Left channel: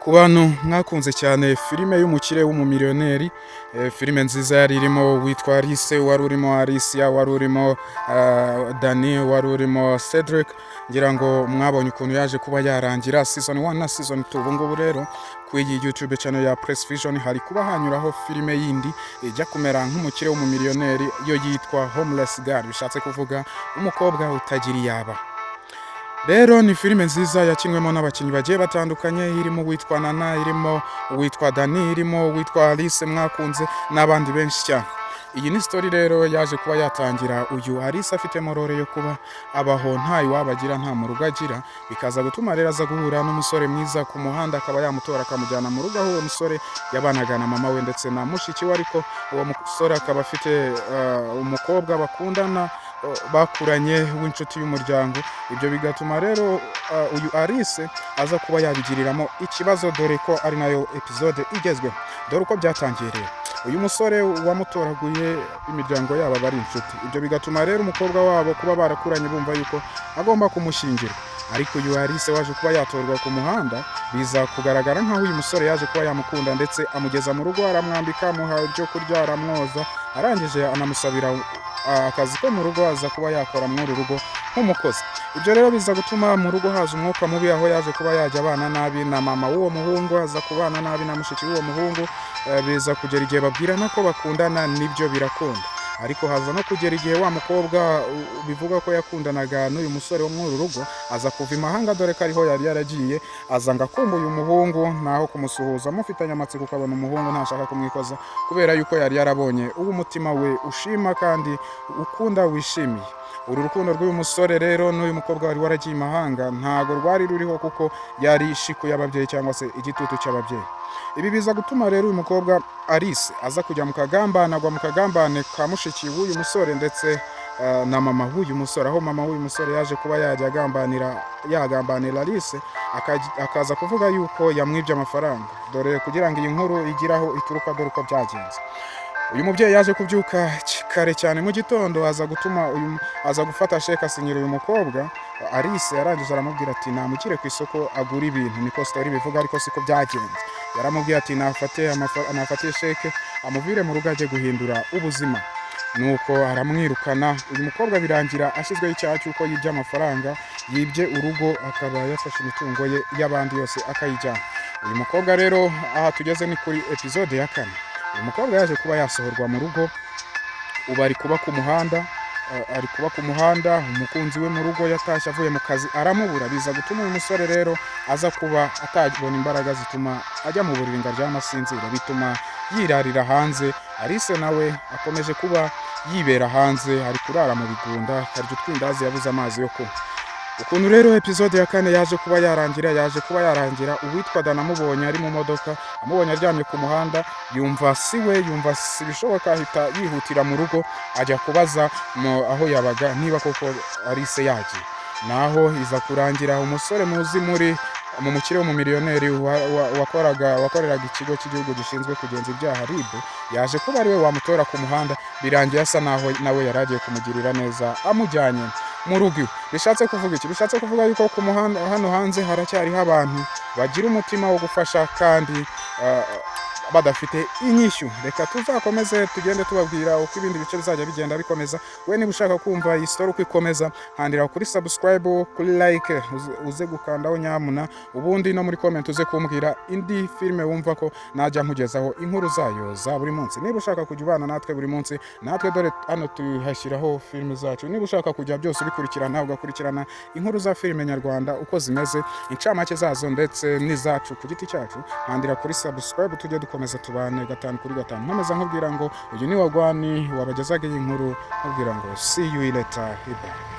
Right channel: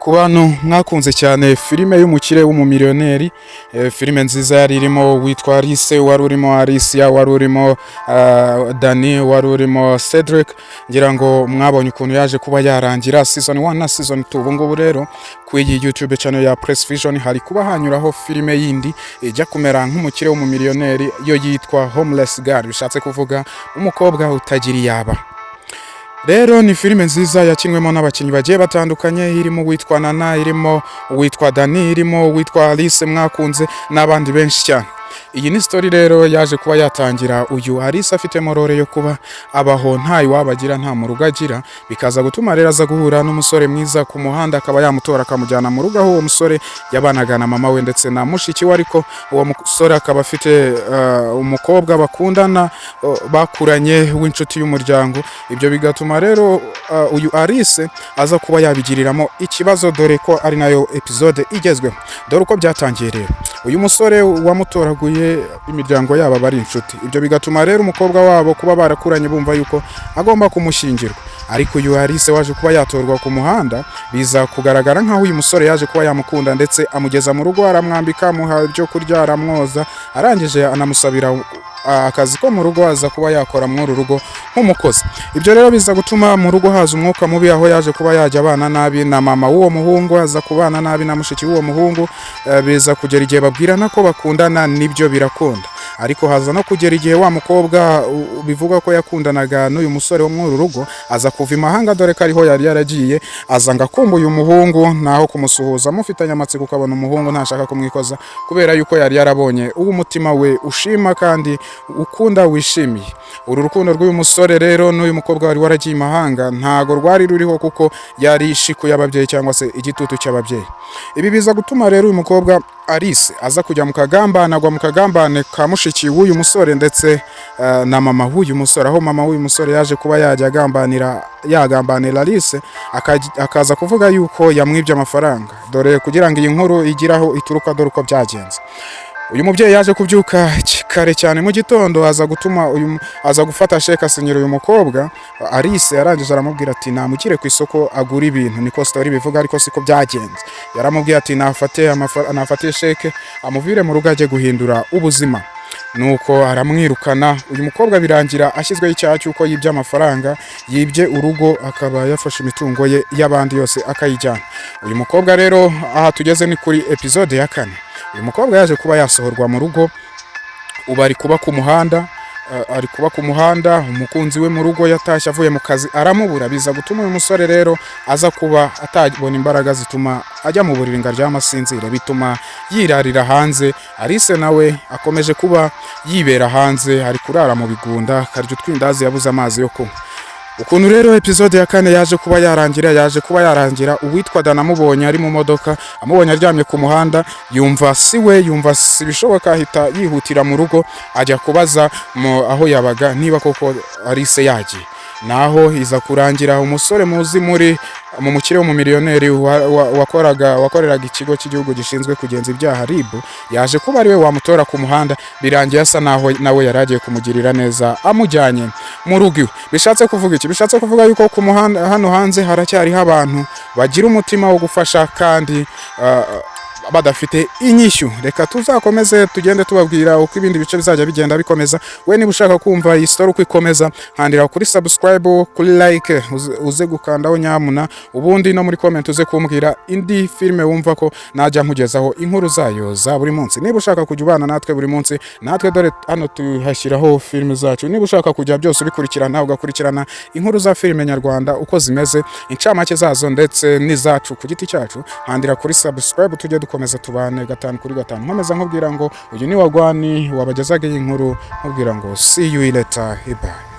Ku bantu mwakunze cyane filime y'umukire w'umumiliyoneri, filime nziza yari irimo witwa Alise, wari urimo Alise, wari urimo Dani, wari urimo Cedric. Ngira ngo mwabonye ukuntu yaje kuba yarangira season 1 na season 2. Ubu ngubu rero ku iyi YouTube channel ya Press Vision hari kuba hanyuraho filime yindi ijya kumera nk'umukire w'umumiliyoneri, yo yitwa homelessgirl, bishatse kuvuga umukobwa utagira yaba. Rero ni filime nziza yakinwemo n'abakinnyi bagiye batandukanye, irimo witwa Nana, irimo witwa Dani, irimo witwa Alise mwakunze n'abandi benshi cyane. Iyi ni story rero yaje kuba yatangira uyu Alise afite morore yo kuba abaho nta iwabagira nta mu rugo agira, bikaza gutuma rero aza guhura n'umusore mwiza ku muhanda, akaba yamutora akamujyana mu rugo, aho uwo musore yabanaga na mama we ndetse na mushiki we, ariko uwo musore akaba afite umukobwa bakundana bakuranye w'inshuti y'umuryango. Ibyo bigatuma rero uyu Alise aza kuba yabigiriramo ikibazo, dore ko ari nayo episode igezweho. Dore uko byatangiye rero, uyu musore wamutoraguye imiryango yabo bari inshuti. Ibyo bigatuma rero umukobwa wabo kuba barakuranye bumva yuko agomba kumushyingirwa, ariko uyu Alise waje kuba yatorwa ku muhanda, biza kugaragara nkaho uyu musore yaje kuba yamukunda ndetse amugeza mu rugo, aramwambika, amuha ibyo kurya, aramwoza, arangije anamusabira akazi ko mu rugo aza kuba yakora muri rugo nk'umukozi. Ibyo rero biza gutuma mu rugo haza umwuka mubi, aho yaje kuba yajya abana nabi na mama w'uwo muhungu, aza kubana nabi na mushiki w'uwo muhungu. Biza kugera igihe babwirana ko bakundana, nibyo birakunda, ariko haza no kugera igihe wa mukobwa bivuga ko yakundanaga n'uyu musore wo muri rugo aza kuva imahanga, dore ko ariho yari yaragiye. Aza ngakumba uyu muhungu, naho kumusuhuza mufitanye amatsiko, ukabona umuhungu ntashaka kumwikoza kubera yuko yari yarabonye uwo umutima we ushima kandi ukunda wishimiye. Uru rukundo rw'uyu musore rero n'uyu mukobwa wari waragiye imahanga ntago rwari ruriho, kuko yari ishiku y'ababyeyi cyangwa se igitutu cy'ababyeyi. Ibi biza gutuma rero uyu mukobwa Alise aza kujya mu kagambane, agwa mu kagambane ka mushiki w'uyu musore ndetse na mama w'uyu musore, aho mama w'uyu musore yaje kuba yajya yagambanira Alise, akaza kuvuga yuko yamwibye amafaranga. Dore kugira ngo iyi nkuru igiraho ituruka, dore uko byagenze. Uyu mubyeyi yaje kubyuka kare cyane mu gitondo, aza gufata sheka asinyira uyu mukobwa Alise. Yarangije aramubwira ati namukire ku isoko agura ibintu, niko story bivuga, ariko siko byagenze. Yaramubwiye ati nafate sheke amuvire mu rugo ajye guhindura ubuzima, nuko aramwirukana. Uyu mukobwa birangira ashyizweho icyaha cy'uko yibye amafaranga, yibye urugo, akaba yafashe imitungo ye y'abandi yose akayijyana. Uyu mukobwa rero aha tugeze ni kuri episode ya 4. Uyu mukobwa yaje kuba yasohorwa mu rugo, ubu ari kuba ku muhanda. Umukunzi we mu rugo yatashye avuye mu kazi aramubura, biza gutuma uyu musore rero aza kuba atabona imbaraga zituma ajya mu buriri ngo aryame asinzire, bituma yirarira hanze. Alise nawe akomeje kuba yibera hanze, ari kurara mu bigunda, akarya utwindazi, yabuze amazi yo kunywa. Ukuntu rero episode ya 4 yaje kuba yarangira, uwitwa Dana amubonye ari mu modoka, amubonye aryamye ku muhanda, yumva si bishoboka, ahita yihutira mu rugo ajya kubaza aho yabaga niba koko Alise yagiye. Naho iza kurangira umusore muzi mu mukire w'umumiliyoneri wakoreraga ikigo cy'igihugu gishinzwe kugenza ibyaha RIB, yaje kuba ariwe wamutora ku muhanda. Birangiye asa naho nawe yaragiye kumugirira neza, amujyanye mu rugo. Bishatse kuvuga iki? Bishatse kuvuga yuko ku muhanda hano hanze haracyariho abantu bagira umutima wo gufasha kandi badafite inyishyu. Reka tuzakomeze tugende tubabwira uko ibindi bice bizajya bigenda bikomeza. We niba ushaka kumva iyi story uko ikomeza, handira kuri subscribe, kuri like, uze gukandaho nyamuna, ubundi no muri comment uze kumbwira indi filime wumva ko najya nkugezaho inkuru zayo za buri munsi. Niba ushaka kujya ubana natwe buri munsi, natwe dore hano tuhashyiraho filime zacu. Niba ushaka kujya byose ubikurikirana, ugakurikirana inkuru za filime nyarwanda uko zimeze, incamake zazo ndetse n'izacu ku giti cyacu, handira kuri subscribe tujye dukomeza tubane 5 kuri 5. Nkomeza nkubwira ngo uyu ni wagwani wabagezaga iyi nkuru, nkubwira ngo see you later. Bye.